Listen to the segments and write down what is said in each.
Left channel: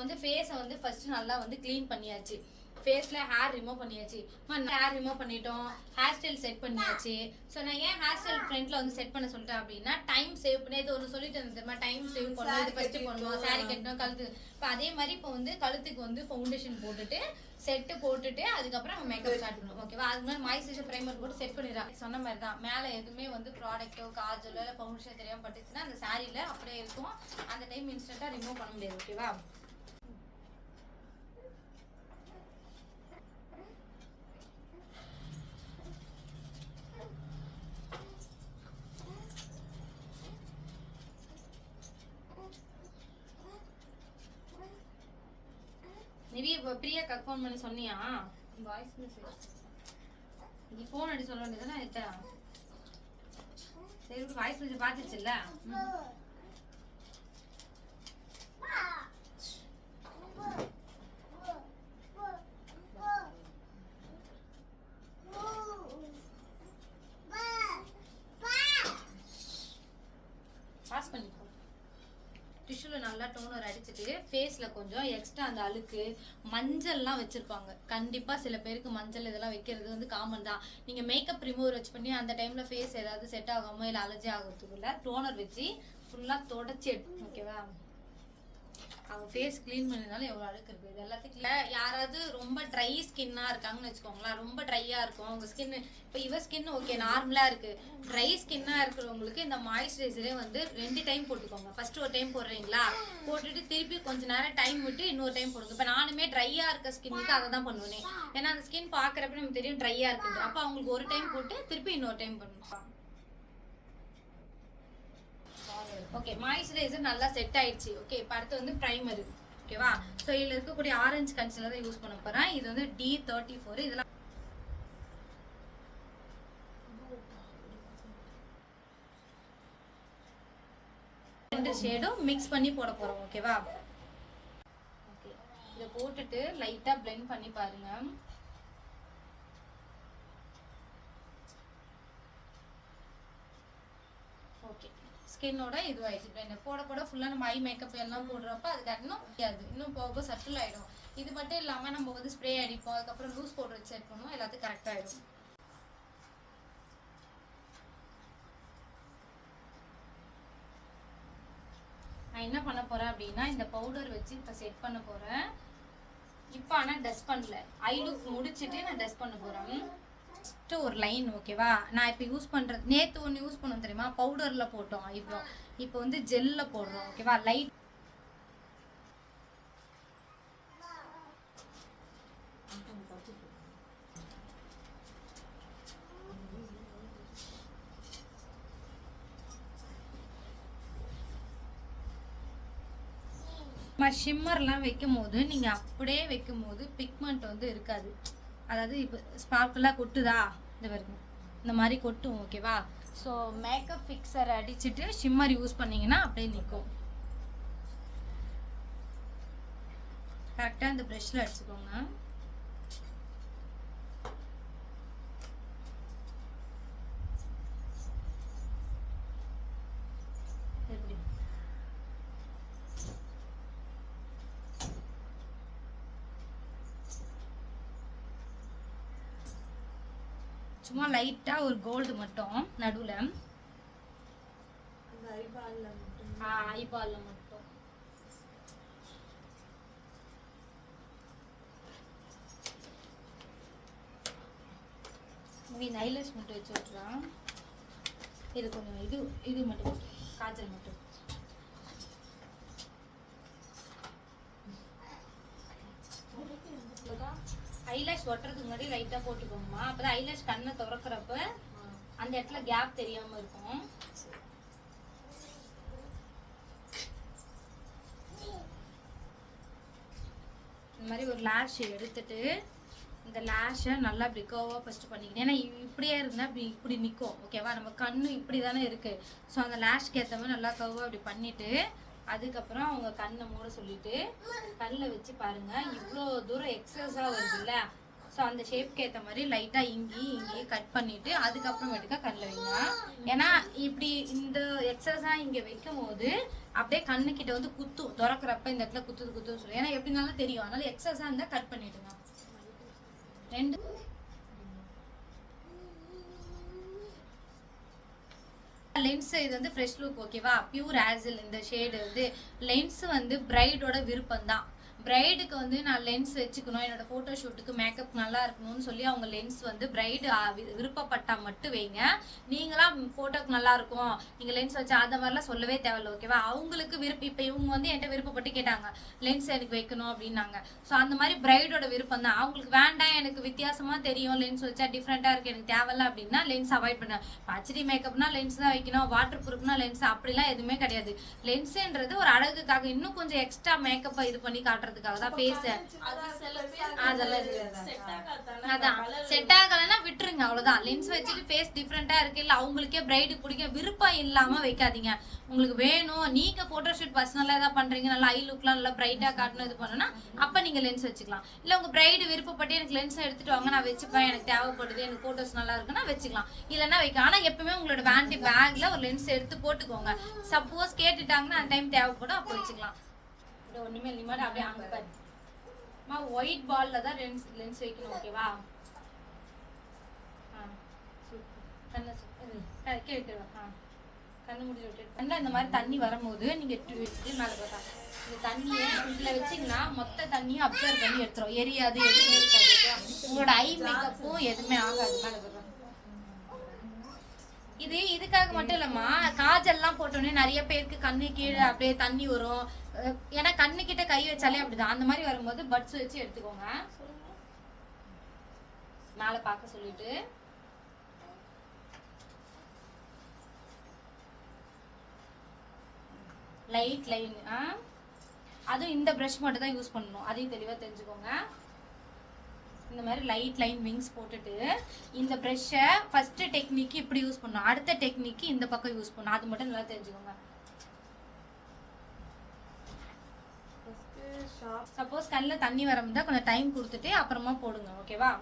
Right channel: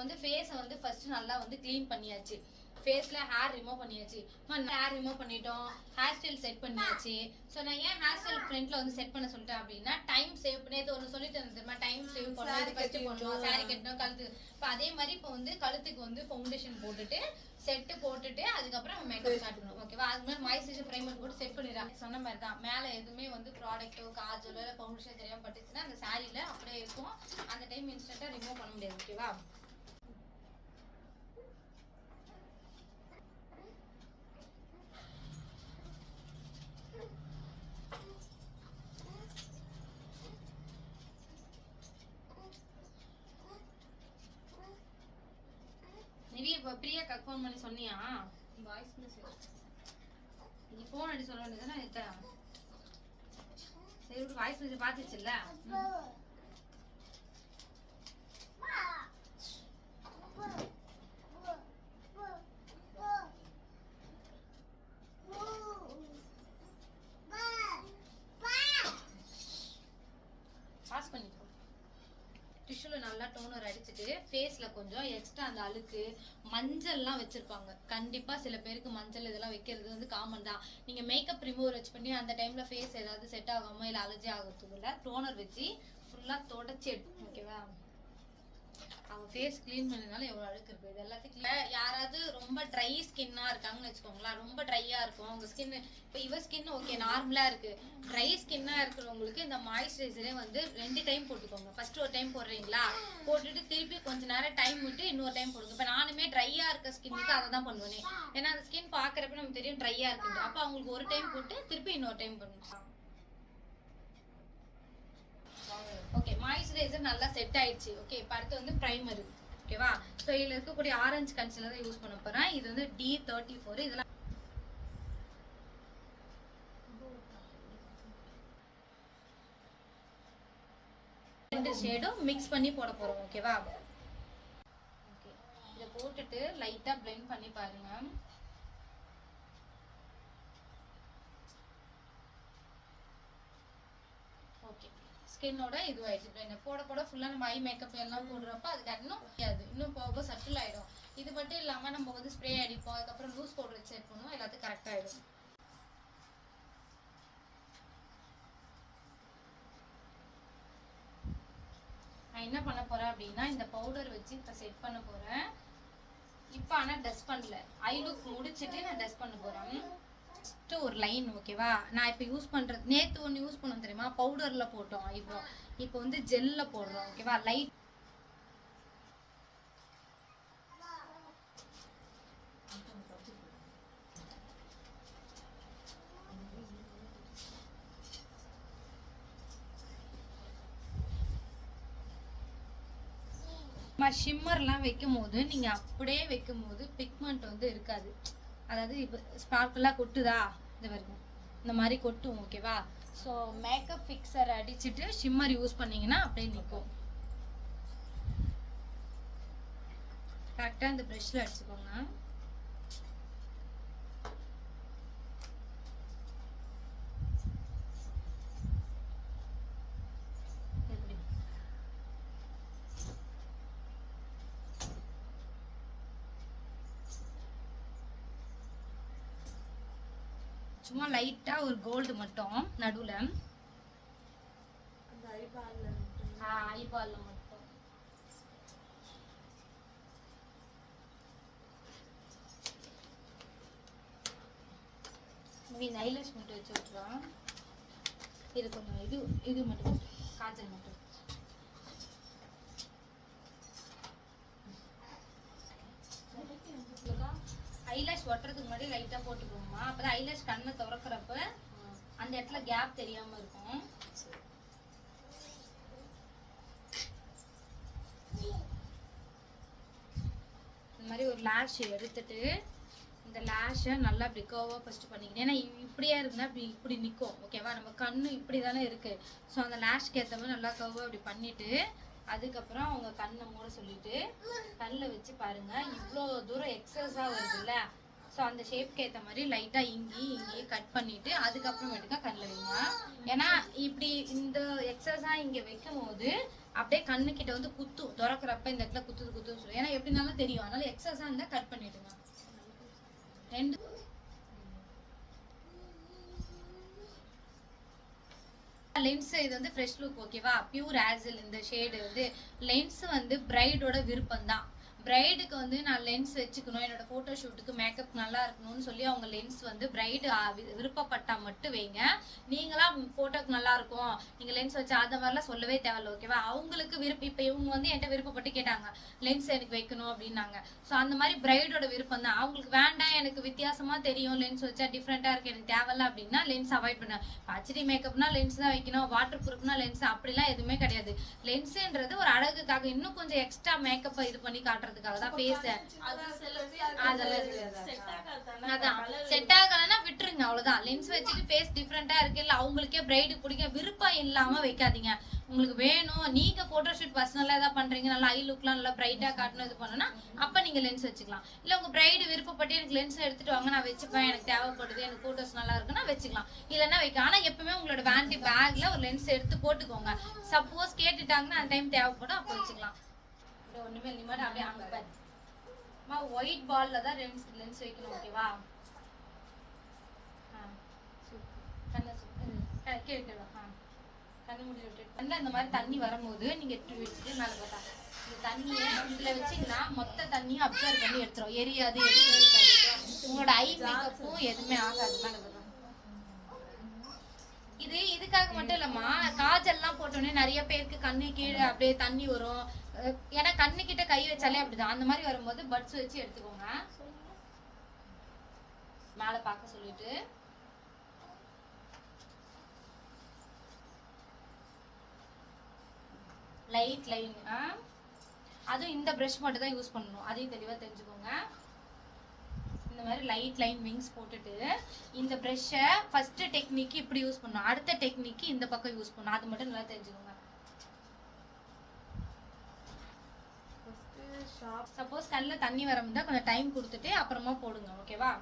வந்து ஃபேஸை வந்து ஃபர்ஸ்ட் நல்லா வந்து க்ளீன் பண்ணியாச்சு. ஃபேஸ்ல ஹேர் ரிமூவ் பண்ணியாச்சு. ஹேர் ரிமூவ் பண்ணிட்டோம், ஹேர் ஸ்டைல் செட் பண்ணியாச்சு. ஸோ நான் ஏன் ஹேர் ஸ்டைல் ஃப்ரண்ட்ல வந்து செட் பண்ண சொல்லிட்டேன் அப்படின்னா, டைம் சேவ் பண்ணி இது ஒன்று சொல்லிட்டு இருந்தேன், டைம் சேவ் பண்ணணும், இது ஃபர்ஸ்ட் பண்ணணும், சாரி கட்டணும், கழுத்து. இப்போ அதே மாதிரி இப்போ வந்து கழுத்துக்கு வந்து ஃபவுண்டேஷன் போட்டுட்டு செட்டு போட்டுட்டு அதுக்கப்புறம் நம்ம மேக்கப் ஸ்டார்ட் பண்ணணும். ஓகேவா? அது மாதிரி மாய்ஸ்சரைசர் பிரைமர் போட்டு செட் பண்ணிடலாம். சொன்ன மாதிரி தான் மேலே எதுவுமே வந்து ப்ராடக்ட்டோ காஜலோ இல்லை ஃபவுண்டேஷன் தெரியாமல் பட்டுச்சுன்னா அந்த சாரியில் அப்படியே இருக்கும். அந்த டைம் இன்ஸ்டன்ட்டாக ரிமூவ் பண்ண முடியாது. ஓகேவா? நிவி இப்போ பிரியாக்கா ஃபோன் பண்ணி சொன்னியா? வாய்ஸ் மெசேஜ் நீ ஃபோன் அடி சொல்ல வேண்டியதுதானே? ஆயிட்டா சரி, வாய்ஸ் மெசேஜ் பார்த்துச்சுல்ல. பாஸ் பண்ணிக்கோ. டிஷ்யூல நல்லா டோனர் அடிச்சுட்டு ஃபேஸ்ல கொஞ்சம் எக்ஸ்ட்ரா அந்த அழுக்கு மஞ்சள்லாம் வச்சிருப்பாங்க. கண்டிப்பா சில பேருக்கு மஞ்சள் இதெல்லாம் வைக்கிறது வந்து காமன் தான். நீங்க மேக்கப் ரிமூவர் வச்சு பண்ணி அந்த டைம்ல ஃபேஸ் ஏதாவது செட் ஆகாம இல்லை அலர்ஜி ஆகிறதுக்கு இல்லை டோனர் வச்சு ஃபுல்லா தொடச்சி எடுத்து. ஓகேவா? அவங்க ஃபேஸ் கிளீன் பண்ணினாலும் எவ்வளோ அழுக்கு இருக்குது. இது எல்லாத்துக்கும் யாராவது ரொம்ப ட்ரை ஸ்கின்னாக இருக்காங்கன்னு வச்சுக்கோங்களேன், ரொம்ப ட்ரையாக இருக்கும் அவங்க ஸ்கின். இப்போ இவ ஸ்கின் ஓகே நார்மலாக இருக்குது. ட்ரை ஸ்கின்னாக இருக்கிறவங்களுக்கு இந்த மாய்ஸ்சரைசரே வந்து 2 டைம் போட்டுக்கோங்க. ஃபர்ஸ்ட் ஒரு டைம் போடுறீங்களா, போட்டுட்டு திருப்பி கொஞ்சம் நேரம் டைம் விட்டு இன்னொரு டைம் போடுங்க. இப்போ நானுமே ட்ரையாக இருக்க ஸ்கின்னுக்கு அதை தான் பண்ணுவேன். ஏன்னா அந்த ஸ்கின் பார்க்குறப்ப நமக்கு தெரியும் ட்ரையாக இருக்குன்ட்டு. அப்போ அவங்களுக்கு ஒரு டைம் போட்டு திருப்பி இன்னொரு டைம் பண்ணணும். ஓகே, மாய்ஸ்சரைசர் நல்லா செட் ஆயிடுச்சு. ஓகே, இப்போ அடுத்து வந்து பிரைமர். ஓகேவா? ஸோ இதில் இருக்கக்கூடிய ஆரஞ்சு கன்சிலர் தான் யூஸ் பண்ண போகிறேன். இது வந்து D34. இதெல்லாம் ரெண்டு ஷேடும் மிக்ஸ் பண்ணி போட போகிறோம். ஓகேவா? ஓகே, இதை போட்டுட்டு லைட்டாக பிளெண்ட் பண்ணி பாருங்க. ஓகே, ஸ்கின்னோட இதுவாயிடுச்சு. போட போட ஃபுல்லாக நம்ம ஐ மேக்கப் எல்லாம் போடுறப்ப அது கட்டணும் இன்னும் போக சட்டில் ஆகிடும். இது மட்டும் இல்லாமல் நம்ம வந்து ஸ்ப்ரே அடிப்போம், அதுக்கப்புறம் லூஸ் பவுடர் வச்சு செட் பண்ணுவோம், எல்லாத்துக்கும் கரெக்டாக ஆகிடும். நான் என்ன பண்ண போகிறேன் அப்படின்னா இந்த பவுடர் வச்சு இப்போ செட் பண்ண போகிறேன். இப்போ ஆனால் டஸ்ட் பண்ணல, ஐ லுக் முடிச்சுட்டு நான் டஸ்ட் பண்ண போகிறேன். ஒரு லைன். ஓகேவா? நான் இப்போ யூஸ் பண்ணுறது நேற்று ஒன்று யூஸ் பண்ணோம் தெரியுமா, பவுடரில் போட்டோம் ஐப்ரோ. இப்போ வந்து ஜெல்லில் போடுறோம். ஓகேவா? லைட் ஷிம்மர்லாம் வைக்கும் போது நீங்கள் அப்படியே வைக்கும் போது பிக்மெண்ட் வந்து இருக்காது. அதாவது இப்போ ஸ்பார்க்கெல்லாம் கொட்டுதா, இந்த வரைக்கும் இந்த மாதிரி கொட்டும். ஓகேவா? ஸோ மேக்கப் ஃபிக்ஸர் அடிச்சுட்டு ஷிம்மர் யூஸ் பண்ணிங்கன்னா அப்படியே நிற்கும். கரெக்டாக இந்த ப்ரெஷ்ஷில் அடிச்சுக்கோங்க. சும்மா லைட்டா ஒரு கோல்டு மட்டும் நடுவுல, ஐபால்ல மட்டும். ஐலேஷ் மட்டும் வச்சு விட்டுலாம். இது கொஞ்சம் இது மட்டும் காஜல் மட்டும். ஐலாஷ் ஒட்டுறதுக்கு முன்னாடி லைட்டா போட்டுக்கோங்கம்மா. அப்பதான் ஐலாஷ் கண்ணை திறக்கிறப்ப அந்த இடத்துல கேப் தெரியாம இருக்கும். இந்த மாதிரி ஒரு லேஷ் எடுத்துட்டு இந்த லேஷை நல்லா இப்படி கர்வாக ஃபஸ்ட்டு பண்ணிக்கணும். ஏன்னா இப்படியே இருந்தால் இப்படி நிற்கும். ஓகேவா? நம்ம கண்ணு இப்படி தானே இருக்குது. ஸோ அந்த லேஷ்க்கு ஏற்ற மாதிரி நல்லா கர்வாக இப்படி பண்ணிவிட்டு அதுக்கப்புறம் அவங்க கண்ணை மூட சொல்லிவிட்டு கண்ணில் வச்சு பாருங்கள். இவ்வளோ தூரம் எக்ஸஸாக வருதுல்ல, ஸோ அந்த ஷேப்க்கு ஏற்ற மாதிரி லைட்டாக இங்கேயே கட் பண்ணிவிட்டு அதுக்கப்புறமேட்டுக்கா கண்ணில் வைங்க. ஏன்னா இப்படி இந்த எக்ஸஸாக இங்கே வைக்கும் போது அப்படியே கண்ணு கிட்ட வந்து குத்தும், திறக்கிறப்ப இந்த இடத்துல குத்துன்னு சொல்லி. ஏன்னா எப்படினாலும் தெரியும், அதனால எக்ஸஸா இருந்தா கட் பண்ணிடுங்க. ரெண்டு லென்ஸ் இது வந்து ஃப்ரெஷ் லுக் ஓகேவா, பியூர் ஆசில். இந்த ஷேடு வந்து லென்ஸ் வந்து பிரைடோட விருப்பம் தான். பிரைடுக்கு வந்து நான் லென்ஸ் வச்சுக்கணும், என்னோட ஃபோட்டோ ஷூட்டுக்கு மேக்கப் நல்லா இருக்கணும்னு சொல்லி அவங்க லென்ஸ் வந்து பிரைடு விருப்பப்பட்டா மட்டும் வைங்க. நீங்களாம் ஃபோட்டோக்கு நல்லா இருக்கும் நீங்கள் லென்ஸ் வச்சு அந்த மாதிரிலாம் சொல்லவே தேவையில்ல ஓகேவா. அவங்களுக்கு விருப்பம், இப்போ இவங்க வந்து என்கிட்ட விருப்பப்பட்டு கேட்டாங்க லென்ஸ் எனக்கு வைக்கணும் அப்படின்னாங்க. ஸோ அந்த மாதிரி பிரைடோட விருப்பம் தான். அவங்களுக்கு வேண்டாம் எனக்கு வித்தியாசமாக தெரியும் லென்ஸ் வச்சா டிஃப்ரெண்ட்டாக இருக்குது எனக்கு தேவையில்ல அப்படின்னா லென்ஸ் அவாய்ட் பண்ண. ஹெச்டி மேக்கப்னா லென்ஸ் தான் வைக்கணும், வாட்டர் ப்ரூஃப்னா லென்ஸ் அப்படிலாம் எதுவுமே கிடையாது. லென்ஸுன்றது ஒரு அழகுக்காக, இன்னும் கொஞ்சம் எக்ஸ்ட்ரா மேக்கப்பை இது பண்ணி காட்டுறது தான். பேச அதான் செட் ஆகலன்னா விட்டுருங்க, அவ்வளவுதான். லென்ஸ் வச்சுட்டு ஃபேஸ் டிஃப்ரெண்டா இருக்கு, இல்ல அவங்களுக்கே பிரைடு பிடிக்க விருப்பம் இல்லாம வைக்காதீங்க. உங்களுக்கு வேணும், நீங்க போட்டோ ஷூட் பர்சனலா ஏதாவது பண்றீங்க, நல்லா ஐ லுக்லாம் நல்லா பிரைட்டா காட்டணும் இது பண்ணணும்னா அப்ப நீங்க லென்ஸ் வச்சுக்கலாம். இல்ல உங்க பிரைடு விருப்பப்பட்டு எனக்கு லென்ஸ் எடுத்துட்டு வாங்க நான் வச்சுப்பேன், எனக்கு தேவைப்படுது, எனக்கு போட்டோஸ் நல்லா இருக்குன்னா வச்சுக்கலாம், இல்லைன்னா வைக்கலாம். ஆனா எப்பவுமே உங்களோட வேண்டி பேக்ல ஒரு லென்ஸ் எடுத்து போட்டுக்கோங்க. சப்போஸ் கேட்டுட்டாங்கன்னா அந்த டைம் தேவைப்படும், அப்ப வச்சுக்கலாம். ஒண்ணுமே இல்ல, அப்படியே அங்க பாரு ஒயிட் பால்ல தான் லென்ஸ் வைக்கணும் ஓகேவா. கண்ணு மூடி விட்டு கண்ணில் இந்த மாதிரி தண்ணி வரும்போது நீங்க எடுத்து வச்சுட்டு மேல பார்த்தா இந்த தண்ணியை இதுல வச்சீங்கன்னா மொத்த தண்ணியும் அப்சர்வ் பண்ணி எடுத்துரும், எரியாது எதுவுமே இருக்காது. உங்களோட ஐ மேக்கப்பும் எதுவுமே ஆகாது. மேல பார்த்தா இது இதுக்காக மட்டும் இல்லம்மா, காஜல்லாம் போட்டோன்னே நிறைய பேருக்கு கண்ணு கீழே அப்படியே தண்ணி வரும். ஏன்னா கண்ணு கிட்ட கை வச்சாலே அப்படிதான். அந்த மாதிரி வரும்போது பட்ஸ் வச்சு எடுத்துக்கோங்க. மேல பார்க்க சொல்லிட்டு லைட் லைன், அதுவும் இந்த பிரஷ் மட்டும் தான் யூஸ் பண்ணணும், அதையும் தெளிவா தெரிஞ்சுக்கோங்க. இந்த மாதிரி லைட் லைன் விங்ஸ் போட்டுட்டு இந்த ப்ரஷ்ஷை ஃபர்ஸ்ட் டெக்னிக் இப்படி யூஸ் பண்ணணும், அடுத்த டெக்னிக் இந்த பக்கம் யூஸ் பண்ணணும், அது மட்டும் நல்லா தெரிஞ்சுக்கோங்க. சப்போஸ் கண்ணில் தண்ணி வரமுதா கொஞ்சம் டைம் கொடுத்துட்டு அப்புறமா போடுங்க ஓகேவா.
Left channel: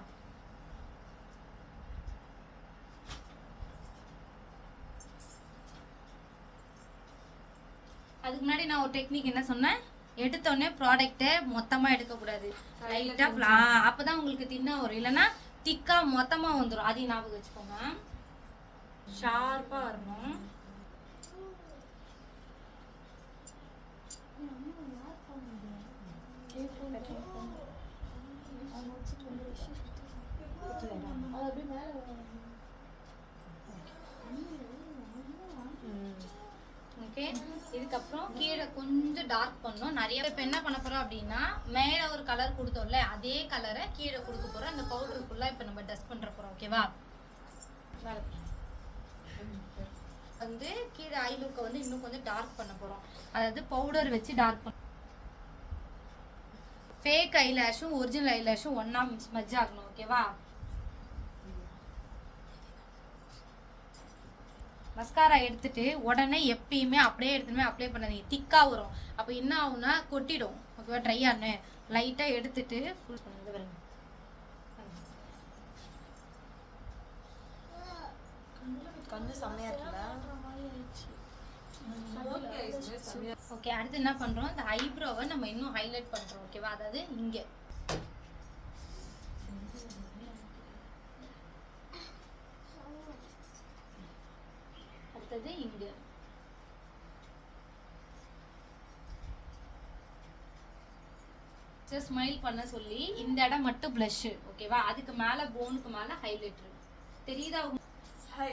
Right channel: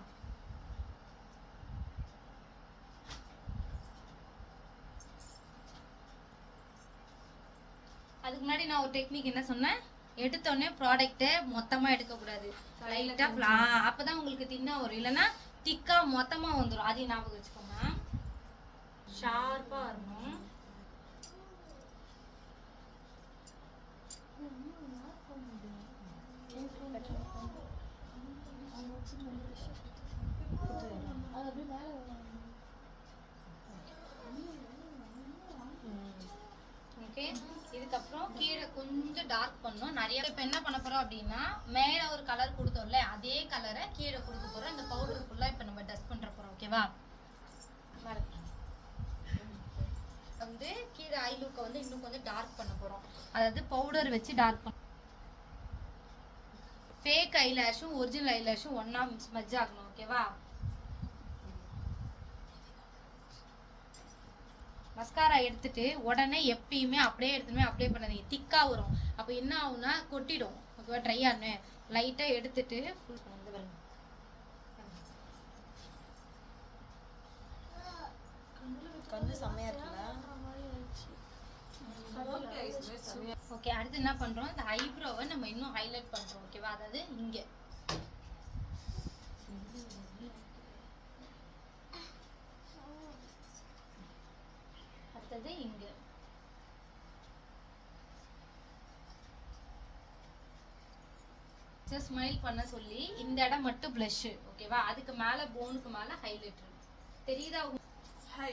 அதுக்கு முன்னாடி நான் ஒரு டெக்னிக் என்ன சொன்னேன், எடுத்தோடனே ப்ராடக்ட் மொத்தமா எடுக்கக்கூடாது, லைட்டா அப்பதான் உங்களுக்கு தின்னா வரும், இல்லைன்னா திக்கா மொத்தமா வந்துடும். அதையும் ஞாபகம் வச்சுக்கோங்க, ஷார்ப்பா வரணும். ஓகே, இதுக்கப்புறம் கீழே கொஞ்சம் டார்க் பண்ணணும் நிறைய. இப்போ என்ன பண்ண போறோம் அப்படின்னா, மேல ஒரு கலர் கொடுத்தோம்ல அதே கலரை கீழே கொடுக்க போறோம். இந்த பவுடர் ஃபுல்லா இப்போ நம்ம டஸ்ட் பண்ற போறோம் ஓகேவா. வந்து கீழே ஐ லுக்கை வந்து இன்னும் கொஞ்சம் டார்க் பண்ண போறோம், அதாவது பவுடர் வச்சு டார்க் பண்ண. ஃபேக் ஐலாஷும் ஒரிஜினல் ஐலாஷும் ஒன்னா மர்ஜ் ஆகணும் ஓகேவா. மஸ்காரா எடுத்துட்டு உடனே எப்பயுமே அப்படியே எடுத்துமே அப்ளை பண்ணாதீங்க, திக்கா வரும். அப்போ என்ன ஆகும்னா கொட்டிடும் ஓகேவா. ட்ரை ஆனு லைட்டா எடுத்துட்டு ஃபுல் பண்ணுங்க பாருங்க. கண்ணு செமையா இருக்குல்ல. ஓகே, அடுத்து என்ன பண்றோம், இந்த ஐப்ரோவை நம்ம இன்னும் ஹைலைட் பண்றோம் ஓகேவா. அதாவது இங்க அடுத்தது இங்க ஸ்மைல் பண்ண சொல்லி இந்த இடம் மட்டும் blush ஓகேவா. அதுக்கு மேல போனுக்கு மேல ஹைலைட்டர் தெரியுதா. ஹை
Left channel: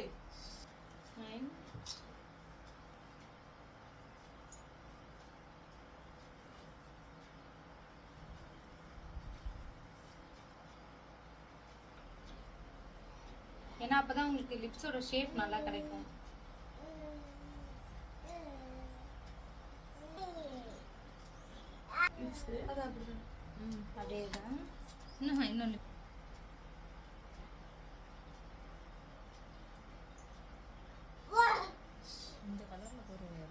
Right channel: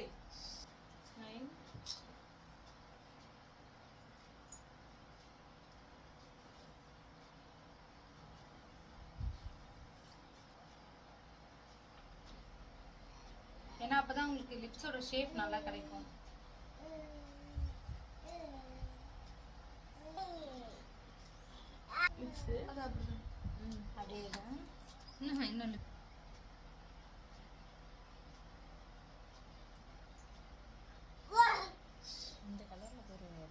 ஏன்னா அப்பதான் உங்களுக்கு லிப்ஸோட ஷேப் நல்லா கிடைக்கும். அதேதான் இன்னொன்னு இந்த கலர்ல போடுங்க.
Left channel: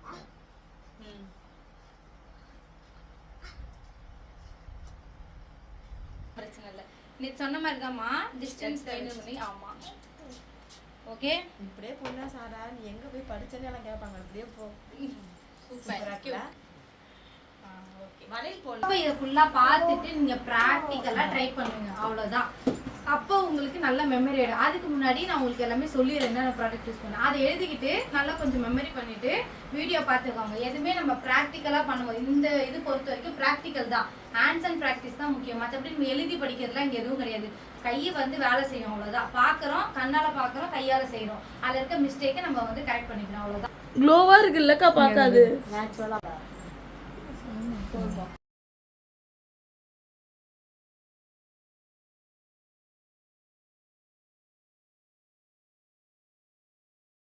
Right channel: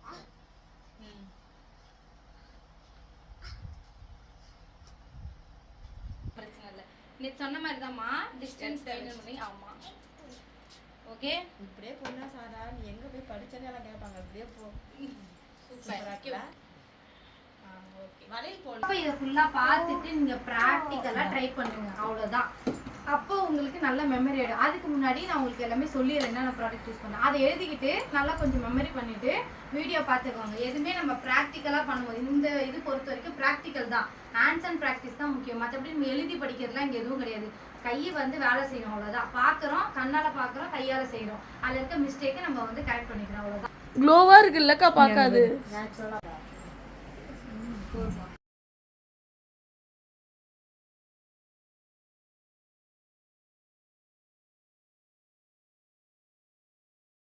பிரச்சனை இல்லை, நீ சொன்ன மாதிரி தான்மா டிஸ்டன்ஸ் மெயின்டைன் பண்ணி. ஆமா ஓகே, இப்படியே பொண்ணா சாரா நீ எங்க போய் படிச்சேன்னு எல்லாம் கேட்பாங்க. இப்படியே போ. சூப்பரா இருக்குல்ல ஓகே வளையல் போடலாம் அப்ப இதை ஃபுல்லா பார்த்துட்டு நீங்க பிராக்டிக்கலா ட்ரை பண்ணுங்க அவ்வளவுதான். அப்போ உங்களுக்கு நல்ல மெமரி ஆயிடும். அதுக்கு முன்னாடி நான் உங்களுக்கு எல்லாமே சொல்லிடுறேன் என்னென்ன ப்ராடக்ட் யூஸ் பண்ணேன். அதை எழுதிக்கிட்டு நல்லா கொஞ்சம் மெமரி பண்ணிட்டு வீடியோ பார்த்துக்கோங்க. எதுவுமே நம்ம ப்ராக்டிக்கலா பண்ணுவோம். இந்த இது பொறுத்த வரைக்கும் ப்ராக்டிக்கல் தான், ஹேண்ட்ஸ் அண்ட் ப்ராக்டிஸ் தான் முக்கியம். மற்றபடி நம்ம எழுதி படிக்கிறதுலாம் இங்கே எதுவும் கிடையாது. கையை வந்து வேலை செய்யும் அவ்வளோதான். பார்க்குறோம், கண்ணால் பார்க்குறோம், கையால் செய்கிறோம். அதில் இருக்க மிஸ்டேக்கை நம்ம வந்து கரெக்ட் பண்ணிக்கிறோம் அவ்வளோதான். க்ளோவா இருக்குல்லக்கா பார்க்காது. நேச்சுரலா